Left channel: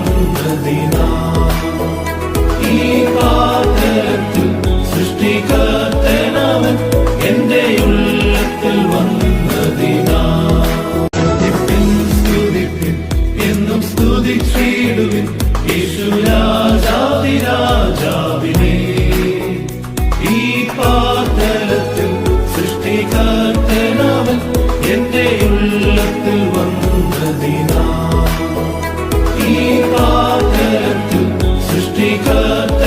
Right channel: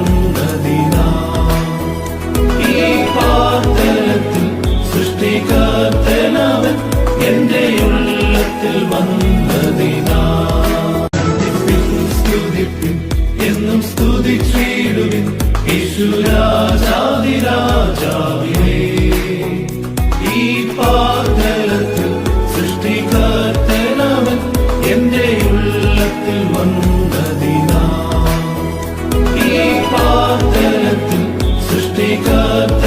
വന്നതിനാ ഈ പാതലത്തിൽ സൃഷ്ടികർത്തനവൻ എന്റെ ഉള്ളത്തിൽ വന്നതിനാ സ്തുതിപ്പിൻ എന്നും സ്തുതിച്ചിടുവിൻ യേശുരാജാതിരാജാവിനെ ഈ പാതലത്തിൽ സൃഷ്ടികർത്തനവൻ എന്റെ ഉള്ളത്തിൽ വന്നതിനാ ഈ പാതലത്തിൽ സൃഷ്ടികർത്ത